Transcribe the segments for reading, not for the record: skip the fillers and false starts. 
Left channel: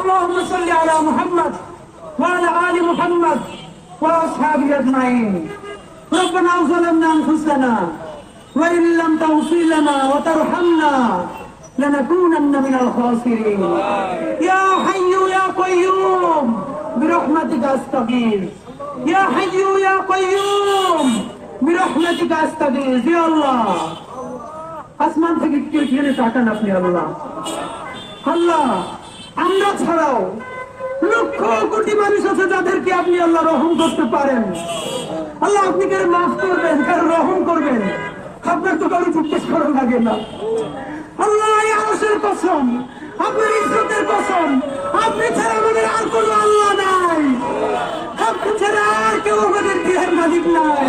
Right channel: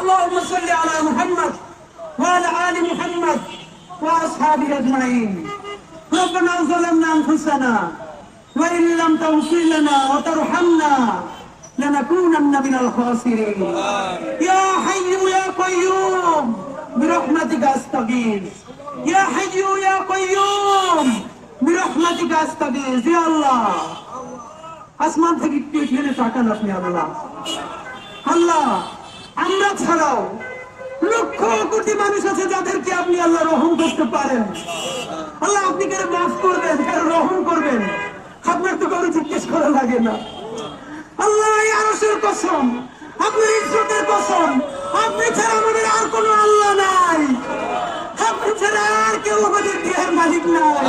اللهم صل على محمد وعلى آل محمد وأصحابه أجمعين. ربنا ظلمنا أنفسنا وإن لم تغفر لنا وترحمنا لنكونن من الخاسرين. يا حي يا قيوم برحمتك أستغيث. يا حي يا قيوم برحمتك أستغيث. يا الله আসমান থেকে একটু এখানে তাকান আপনি। আল্লাহ আল্লাহ আমরা ছাড়াও লক্ষ কোটি মানুষ আছে যাদেরকে আপনি আল্লাহ রহম করতে পারেন। আল্লাহ আপনি কারো মাফ করবেন, কারো রহম করবেন, আপনার তো কারো জিজ্ঞেস করা লাগে না। আল্লাহ আরশের কসম, আপনার ইজ্জতের কসম, আপনি ছাড়া আমাদের আর কোনো আল্লাহ নাই, আপনি ছাড়া আর কেউ আমাদের দেহের মালিক নাই।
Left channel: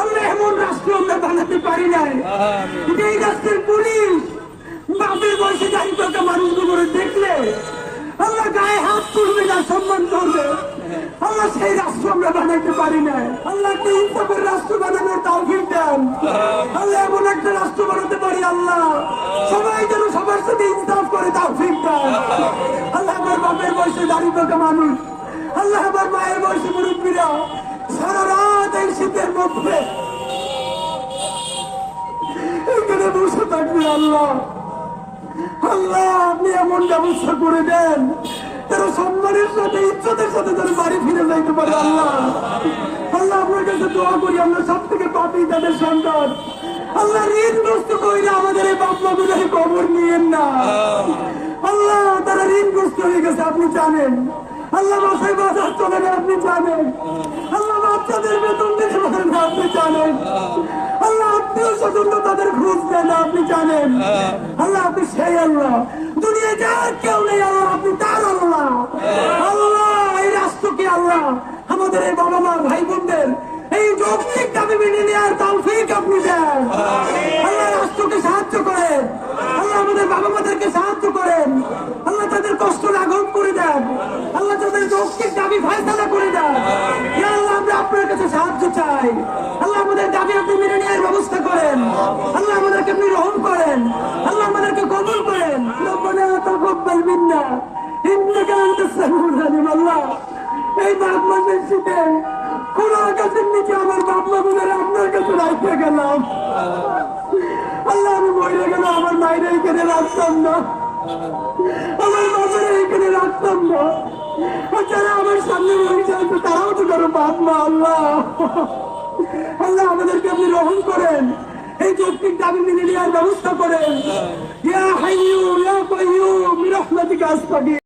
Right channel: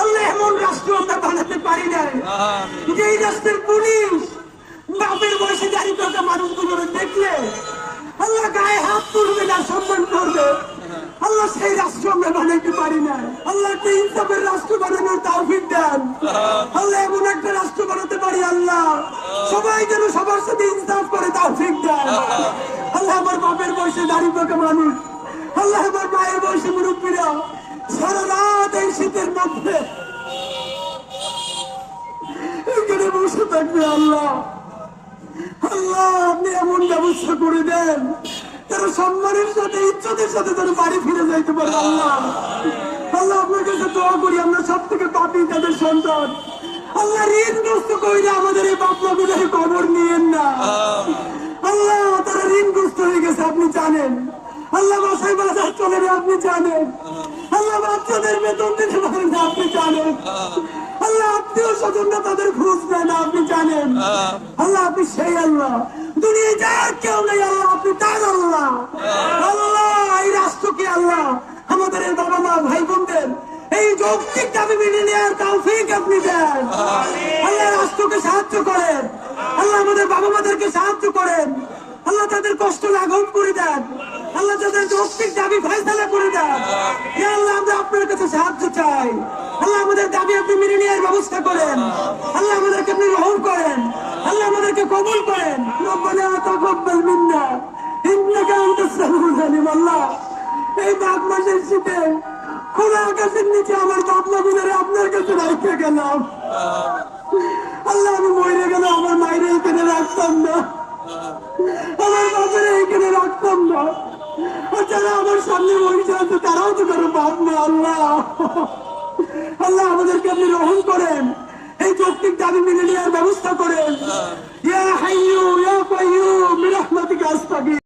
আল্লাহ এমন রাষ্ট্র আমরা বানাতে পারি নাই যে এই রাষ্ট্রের পুলিশ বাপের বয়সে দাঁড়িয়ে থাকা মানুষগুলোর দেখলে আল্লাহ গায়ে হাত তুলবে না, সম্মান করবে। আল্লাহ সেই রাষ্ট্র আমরা বানাইতে পারি না। আল্লাহ একটা ইনসাফের রাষ্ট্র বানানোর তৌফিক দেন। আল্লাহ এমন একটা রাষ্ট্র বানাতে পারি আল্লাহ সবাই যেন সবার সাথে ইনসাফ করে তৌফিক দেন। আল্লাহ আমার বাপের বয়সে দাঁড়িয়ে থাকা মানুষ, আল্লাহ আমার মায়ের বয়সে মুরব্বীরা সারা রাত এই শীতের মধ্যে এখানে বসে থাকবে। আল্লাহ আল্লাহ আপনি এমন ব্যবস্থা করে দেন তারা সম্মানের সাথে ইজ্জতের সাথে তারা বাড়ি ফিরে যাইতে পারে। আল্লাহ আল্লাহ আপনার কাছে দোয়া করি, আমরা সব থেকে পাপী তাদের সন্তান। আল্লাহ ঋণগ্রস্ত কইরা আমাদের এই বাপমা গুলোর খবর নিয়েন না। আল্লাহ তারা ঋণগ্রস্ত হয়ে গেছে আপনি জানেন। আল্লাহ বাসায় বাজার চলে না আপনি জানেন। আল্লাহ বাচ্চাদের বেতন দিতে পারেন না আপনি জানেন। আল্লাহ আত্মীয় স্বজনরা তাদের খোঁজ দেন না আপনি জানেন। আল্লাহ আপনি সেই আল্লাহ, দুনিয়া যার কেউ নেই আল্লাহ আপনি তার আল্লাহ। আল্লাহ এই রাষ্ট্রকে আল্লাহ আমাদের এই বাবা মা ভাই বোনদের এই যৌক্তিক দাবি মেনে নেওয়ার তৌফিক আপনি দেন। আল্লাহ রাষ্ট্রকে সাহায্য করেন। আল্লাহ আমাদের বাবা মাদেরকে সাহায্য করেন। আল্লাহ তাদের কষ্ট লাঘব করে দেন। আল্লাহ তাদের যৌক্তিক দাবি ফায়সালা করে দেন। আল্লাহ আমরা আপনার কাছে সাহায্য চাই। আল্লাহ আমাদের দাবি আপনি মেনে নেওয়ার ব্যবস্থা করেন। আল্লাহ আমাদেরকে আপনি রহম করেন। আল্লাহ আমাদেরকে কবুল করেন। রব্বানা তাকাব্বাল মিন্না ইন্নাকা আনতাস সামিউল আলিম। আল্লাহ এই মাঘ মাসের শীতে খোলা আকাশের নিচে আমার বাবা গুলোরে আপনার কাছে রাখতে গেলাম। আল্লাহ আমি মরে গেল আমার মায়ের এখানে রাখতাম না, আমার বাপের এখানে রাখতাম না। যারা আমার সামনে মরে যাচ্ছে তারাও তো কারো বাপ না। আল্লাহ আল্লাহ আমাদেরকে আপনি রহম করেন, এই যৌক্তিক দাবি মেনে নেওয়ার ব্যবস্থা করেন। ইয়া হাইয়্যু ইয়া কাইয়্যুম বিরহমাতিকা আস্তাগীথ।